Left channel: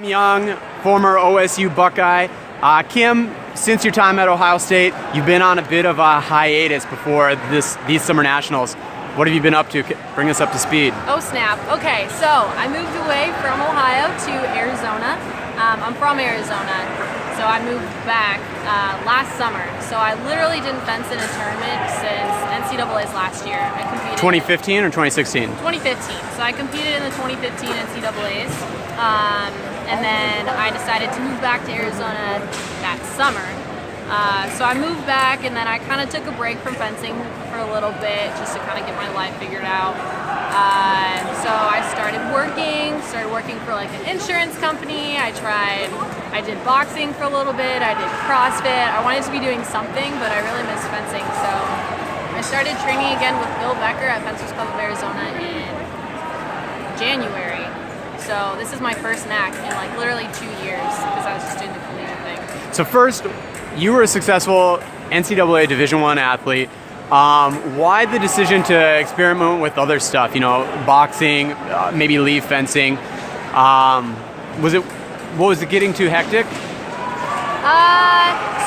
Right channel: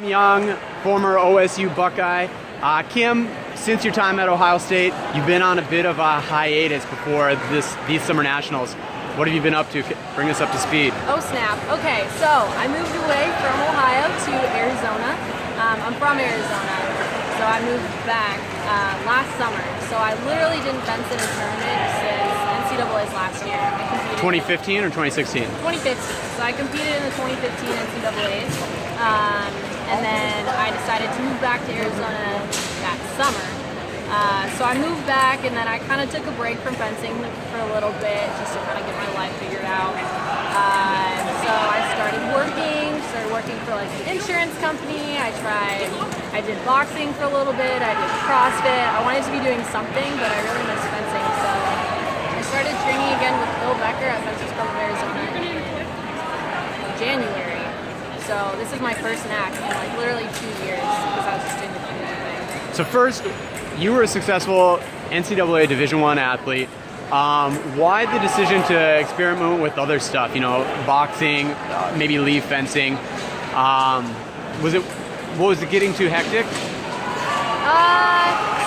Young, former OSU Buckeye. Kim, since your time at Ohio State, you've been on a bit of a hiatus before these summer nationals. What have you been up to? Bring us up to speed. Oh snap. Okay, so I moved away from Ohio to Arizona. I'm from Arizona, so I moved back last summer. So I literally didn't fence in a tournament since NCAA's last year. I competed 2015 or 2016? 2015. So I competed in the 2015 NCAA's, and then I decided to move back to Arizona that summer. So I moved back, and then I kind of took a break from fencing for a little bit just to kind of get my life figured out. So I started working for like an insurance company. I did boxing for a little bit. I did CrossFit. I wanted to be doing something, but I really missed fencing. So I started training again with Bill Becker at Fencers Club of Arizona in January. So this is my first NAC in like literally 2 years because I was just doing the collegiate thing. So first, you were a successful NCAA Division I athlete. Why the decision to experiment with other stuff? You know, boxing, maybe leave fencing. Was it getting too hectic?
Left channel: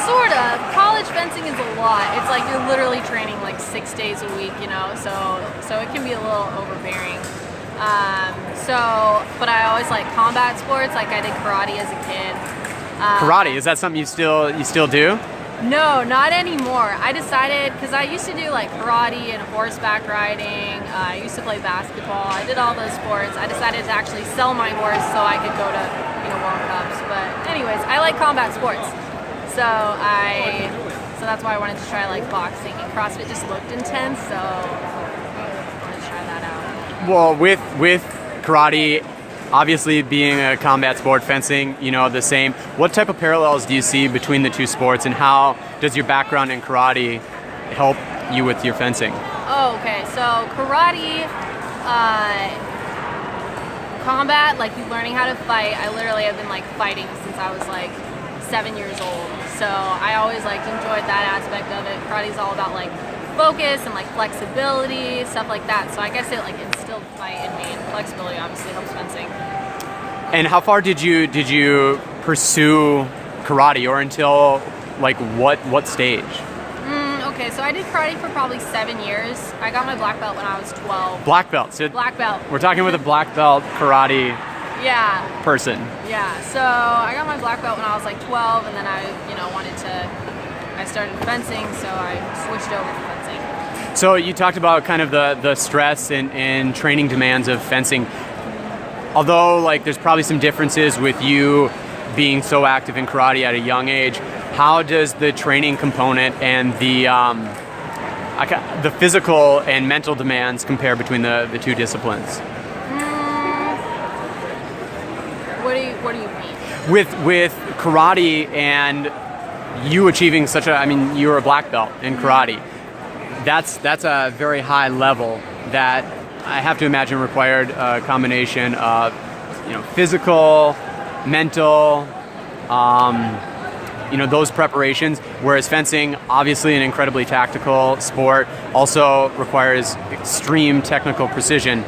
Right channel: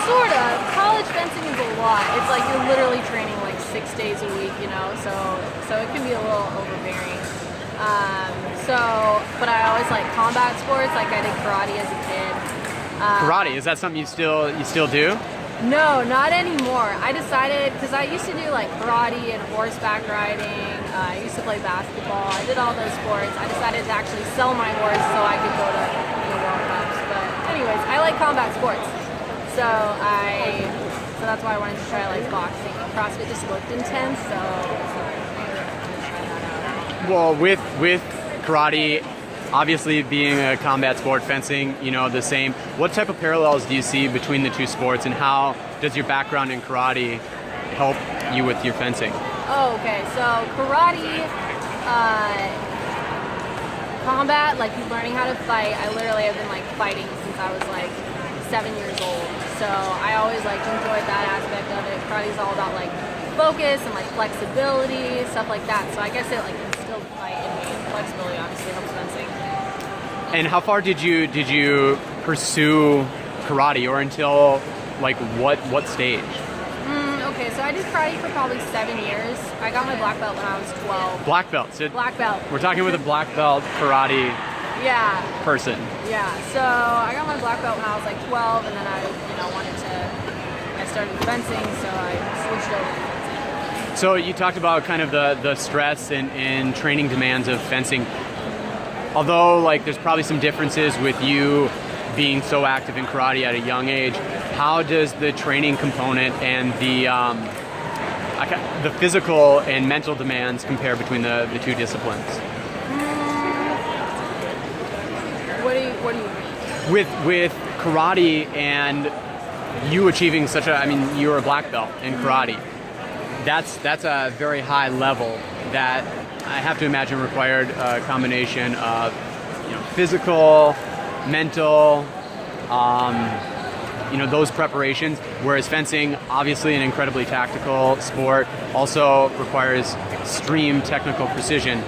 Sort of. College fencing is a lot. It's like you're literally training like 6 days a week, you know, so it can be a little overbearing. But I always like combat sports. Like I did karate as a kid. Karate, is that something you still do? No, not anymore. I decided, because I used to do like karate and horseback riding. I used to play basketball. I did all those sports. I decided to actually sell my horse so I could go to World Cups. But anyways, I like combat sports. So that's why I wanted to try like boxing, and CrossFit just looked intense, so I wanted to try that out. Well, with karate, obviously being a combat sport, fencing, the same. What type of parallels do you see between the two sports, and how does your background in karate help you with your fencing? Oh, okay. So karate, combat, like you learning how to fight. I literally have been like fighting since I was like 7 years old. So I always like enjoyed that aspect of it. Karate's all about like focus and like flexibility, stuff like that. So I guess it like instilled fight in me, and flexibility obviously helps fencing. And how far did you pursue karate, or until like what stage? Okay, so I did karate for probably 7 years. I got my black belt when I was 12. Black belt. So black belt. We're talking with a black belt karate person. Yeah. So I got my black belt when I was like 12, and then I started fencing, so I switched over to fencing. So you talked about kind of the stress and training demands of fencing. Although like there's probably some differences with you being so active in karate at a young age, how does the training component and the physical and mental demands compare between the two disciplines? What do you mean? With karate and you achieving you're a black belt in karate. That's a very high level that I have to imagine required a combination of physical, mental, those preparations, whereas fencing, obviously an incredibly tactical sport, also requires extreme technical precision.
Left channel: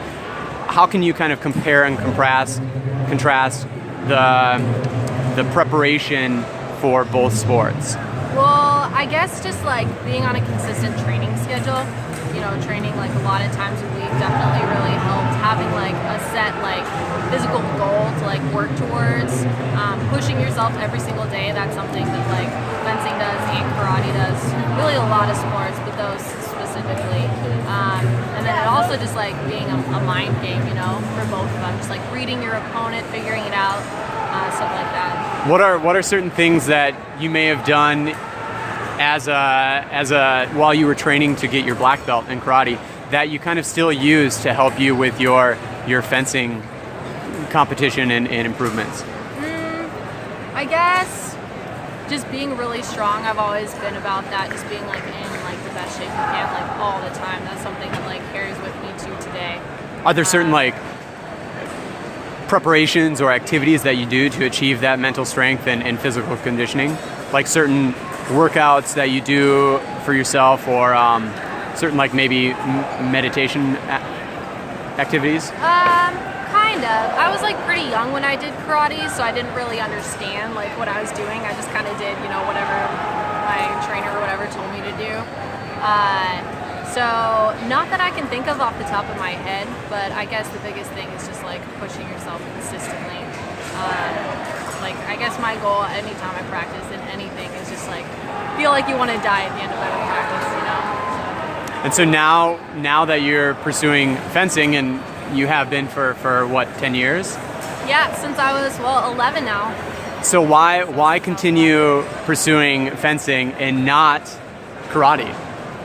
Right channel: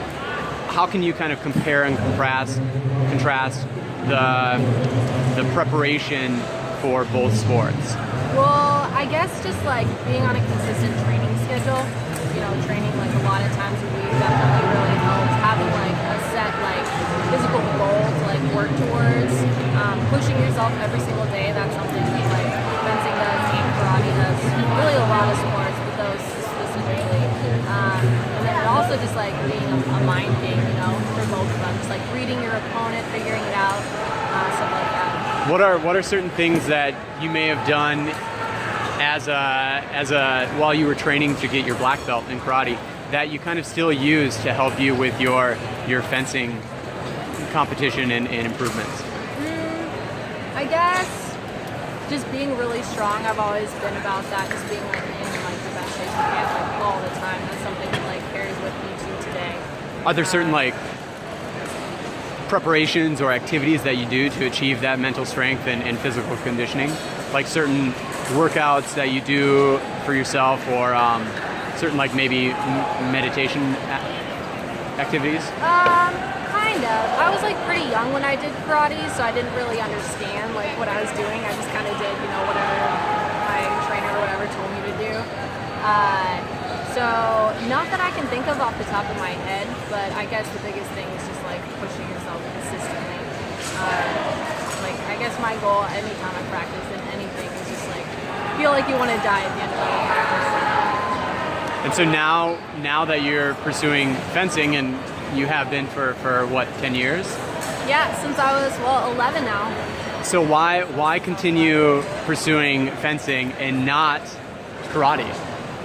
How can you kind of compare and contrast the preparation for both sports? Well, I guess just like being on a consistent training schedule, training like a lot of times a week definitely really helps. Having like a set like physical goal to like work towards, pushing yourself every single day. That's something that like fencing does and karate does. Really a lot of sports, but those specifically. And then it also just like being a mind game, for both of them. Just like reading your opponent, figuring it out, stuff like that. What are certain things that you may have done as a while you were training to get your black belt in karate that you kind of still use to help you with your fencing competition and improvements? I guess just being really strong. I've always been about that, just being like in like the best shape you can, like all the time. That's something that like carries with me to today. Are there certain like preparations or activities that you do to achieve that mental strength and physical conditioning? Like certain workouts that you do for yourself, or certain like maybe meditation activities? Kind Kind of. I was like pretty young when I did karate, so I didn't really understand like what I was doing. I just kind of did, you know, whatever my trainer or whatever told me to do. So not that I can think of off the top of my head, but I guess the biggest thing is just like pushing yourself consistently. Like I guess my goal anytime I practice in anything is just like feel like you want to die at the end of every practice, you know. And so now that you're pursuing fencing, and you have been for what, 10 years? Yeah, since I was 11 now. So why continue pursuing fencing and not karate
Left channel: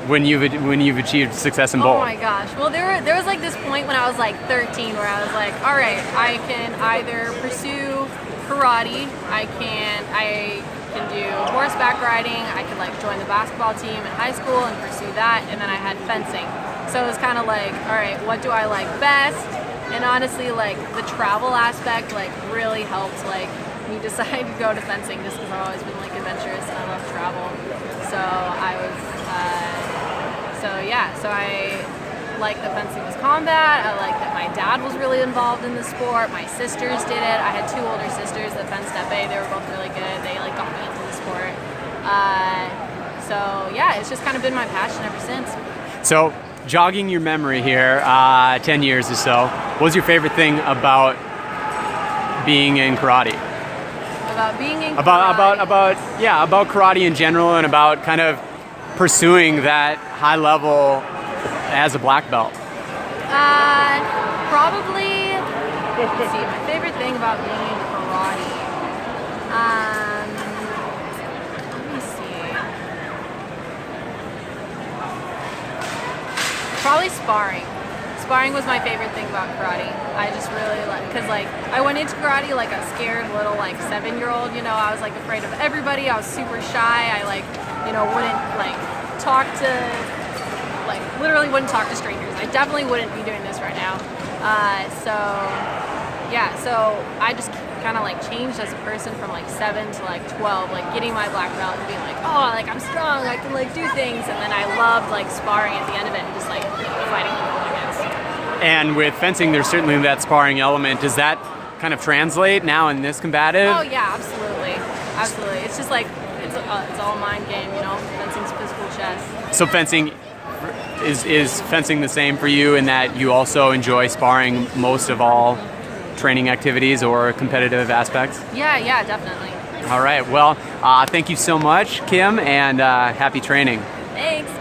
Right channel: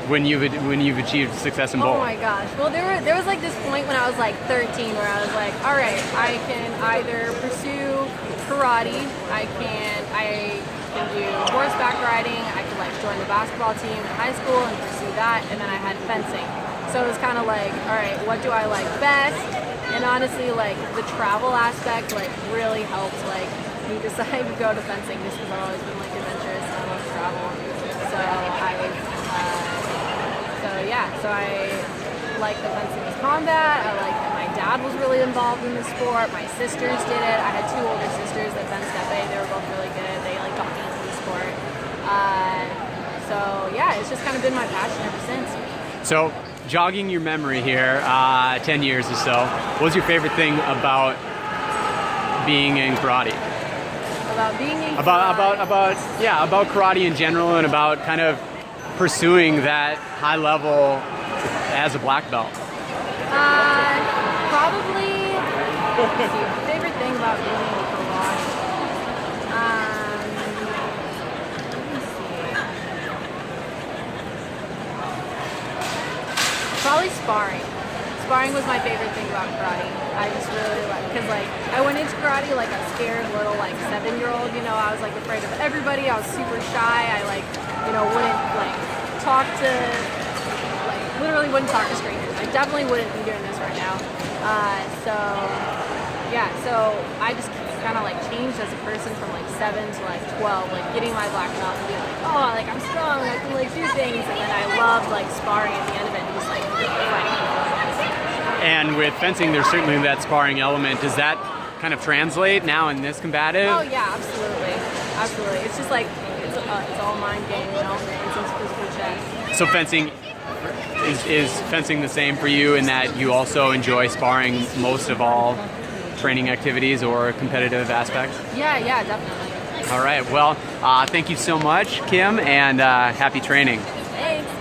when you've achieved success in both? Oh my gosh. Well, there was like this point when I was like 13 where I was like, all right, I can either pursue karate, I can do horseback riding, I could like join the basketball team in high school and pursue that, and then I had fencing. So it was kind of like, all right, what do I like best? And honestly, like the travel aspect like really helped like me decide to go to fencing, just because I've always been like adventurous and I love travel. So I was, so I like that fencing was combat. I like that my dad was really involved in the sport. My sisters did it. I had two older sisters that fenced epee. They were both really good. They like got me into the sport. So yeah, it's just kind of been my passion ever since. So jogging your memory here, 10 years or so, what was your favorite thing about being in karate? About being in karate? About karate in general, and about kind of pursuing that high level as a black belt. Probably, let's see, my favorite thing about being in karate. Let me see. Probably sparring. Sparring was my favorite thing about karate. I just really like, because like I went into karate like a scared little like 7-year-old, you know. I was like afraid of everybody. I was super shy. I like, you know, wouldn't like talk to, like literally wouldn't talk to strangers. I definitely wouldn't be doing this right now. So I just kind of like changed as a person from like 7 to like 12, like getting my black belt and being like, oh, like I'm strong, I can like do things. And then I loved like sparring at the end of it and just like fighting people against. And with fencing, there's certainly that sparring element. Does that kind of translate now in this combative? Oh yeah, absolutely, absolutely. It's just like it's all mind game, you know. Fencing's physical chess. So fencing is fencing the same for you in that you also enjoy sparring most of all training activities or competitive aspects? Yeah, definitely. All right. Well, thank you so much, Kim, and happy training. Thanks.